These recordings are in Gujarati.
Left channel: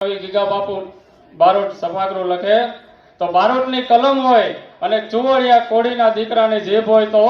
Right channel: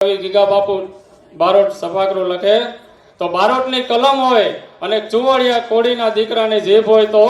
ગીગા બાપુ બારોટ સભાગૃહ લખે તો બારોટની કલમ હોય અને ચુવડિયા કોડીના દીકરાની જીભ હોય તો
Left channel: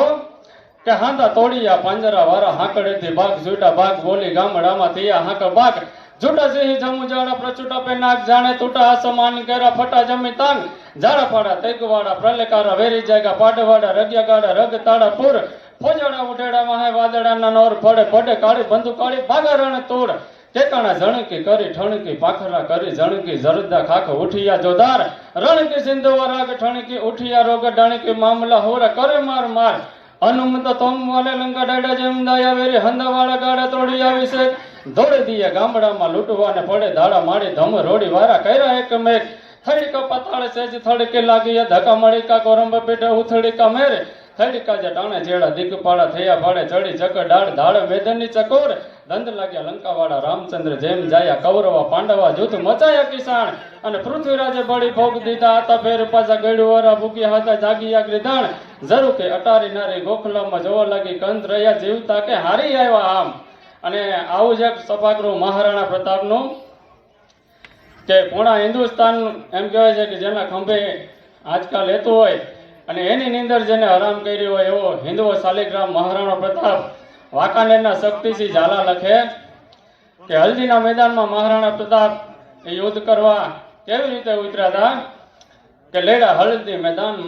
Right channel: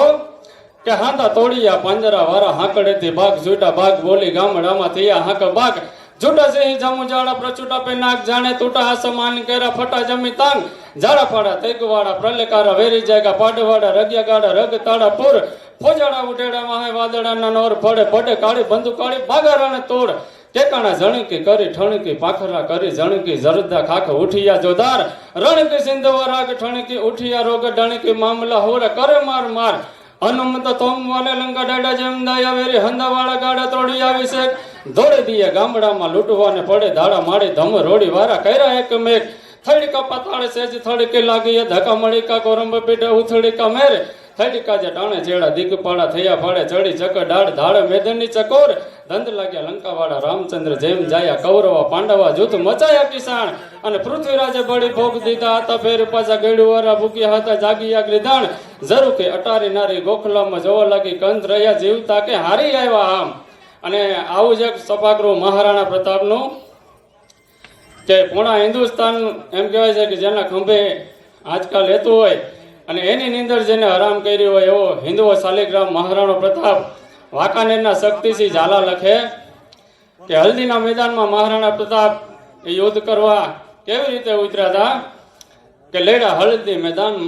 કે હાંધા તોડિયા પાંજરા વાળા હાંકડેથી ભાગ જૂટા ભાગ બોલી ગામડામાં થયા હાંક ભાગ જૂટા સિંહ જમુ જાડા પ્રચુટા પે નાક જાણે તૂટા આસમાન કેરા ફટા જમી તાંગ જાડા ફાડા તેગવાડા પ્રલેકારા વેરી જાયગા પાડવાડા રગ્યા ગાડા રગ તાડા પૂર ફોજાડા ઉઠેડા વાહે વાદળાના નોર પડે પડે કાળી બંદૂક કાળી ભાગારણ તોડ ટેકાણા જણકી કરી ઠણકી પાખરા કરી જણકી જરદા ખાખ ઉઠિયા જોદાર રણકી સિંધવા રાગ ઠણકી ઉઠિયા રોગ ડણકી મામલા હોર કરે માર માર હનુમત તોમ વાલે લંકા ડાડા જમદાયા વેરી હંદાવાળા ગાડા તોડી આવી છે દોડી દીએ ગામડામાં લૂંટવાને પડે ધાડા માડી ધમ રોડી વારા કર્યા એક મેઘ થડીકા પાતાળે સેજ થડકે લાગી ધક્કા મળીકા કોરંબ પીઠે ઉથડીકા મેરે થડીકા જે ટાણે જેડા દિગપાળા થયા ફાડે ચડી ચકર ડાળ ધાડે મેદનની ચકોર દંડ લાગ્યા લંકાવાળા રામચંદ્ર જેમ જાયા કૌરવા પાંડવા જૂથ મચાયા કિસાણ અને પૃથ્વીરાજે બળી ભોગ દીધા હતા ફેર પાછા ગળ્યુવારા ભૂક્યા હતા જાગીયા ગ્રીધાણ જરૂર કે અટારી નારી ગોખલામાં જોવા લાગી કંત રહ્યા જીવતા કે હારી આવ્યા આમ અને આવું જ એક સભાગૃહ મહારાણા પ્રતાપનું કે પૂર્ણ હિન્દુસ્તાન એમ કહેવાય છે કે જેના ખંભે આજકાલ રહેતું હોય અને એની નીંદર જેને હરામ કર્યું હોય એવો હિન્દુઓ શાલિગ્રામ મહારાણો પ્રતાપ વાંકાનેરના શક્તિસિંહ ઝાલા લખે કે હલ્દીના મેદાનમાં મહારાણા પ્રતાપ યુદ્ધ કરવા કેવી રીતે ઉતર્યા હતા કે લેડા હળદી મેદાન